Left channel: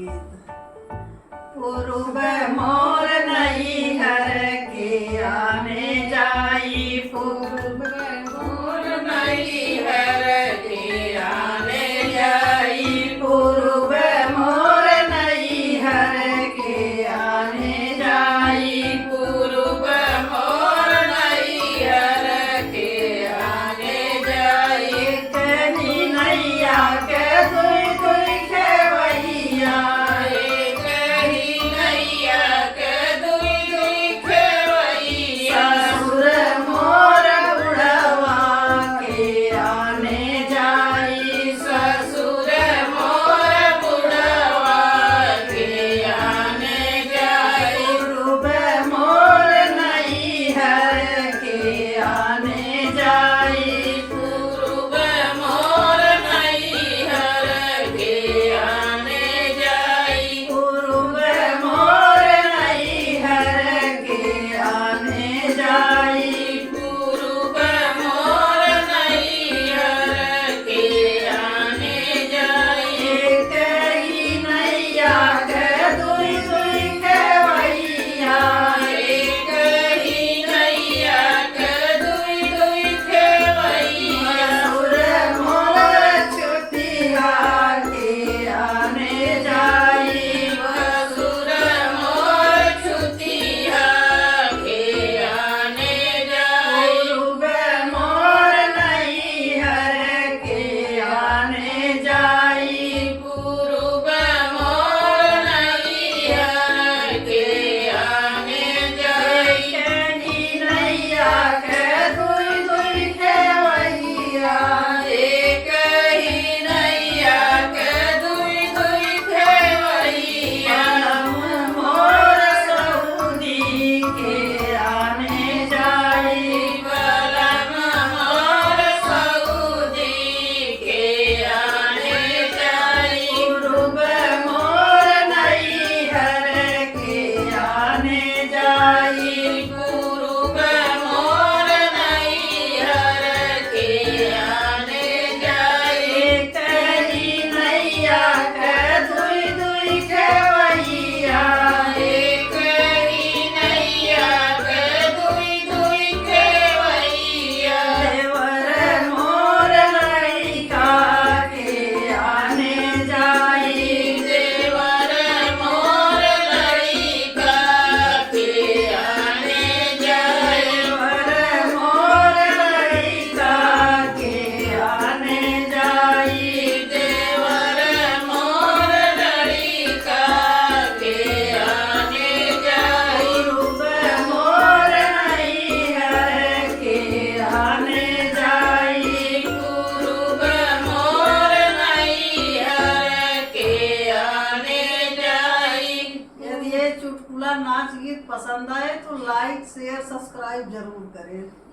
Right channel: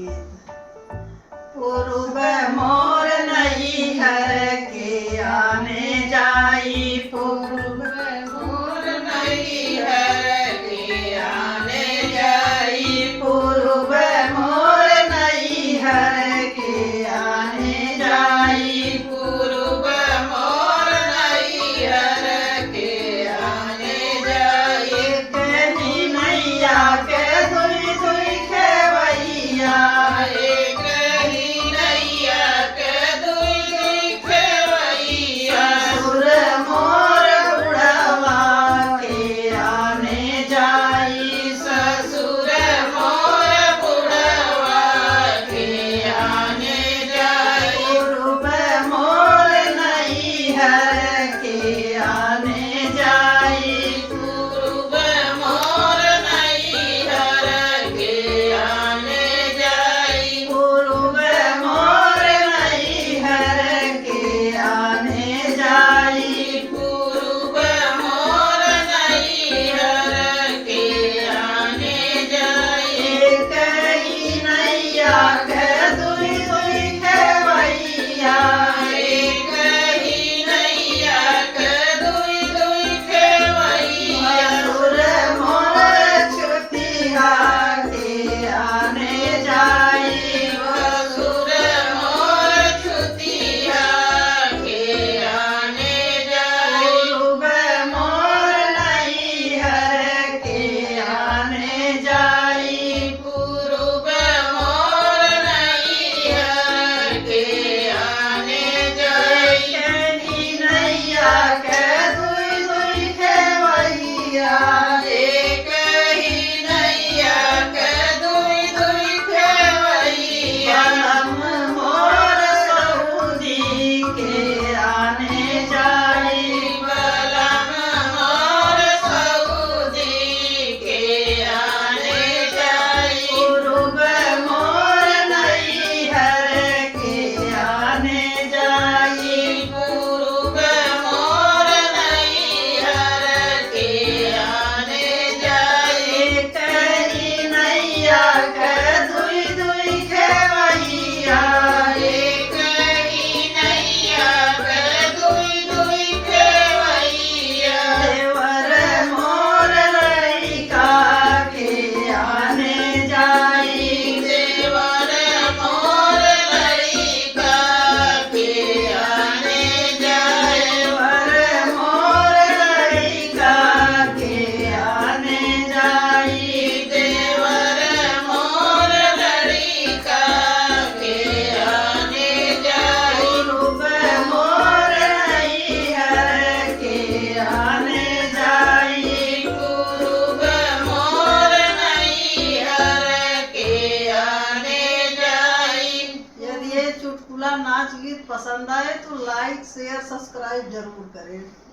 पूर्व मोर नैहर के आने जाई, पूर्व मोर नैहर के आने जाई, पूर्व मोर नैहर के आने जाई, पूर्व मोर नैहर के आने जाई। कहीं नैया के दुई दुई खेवैया, चुटकुला नाच गीत पसंद आए तो लाइक शेयर सब्सक्राइब जरूर करें।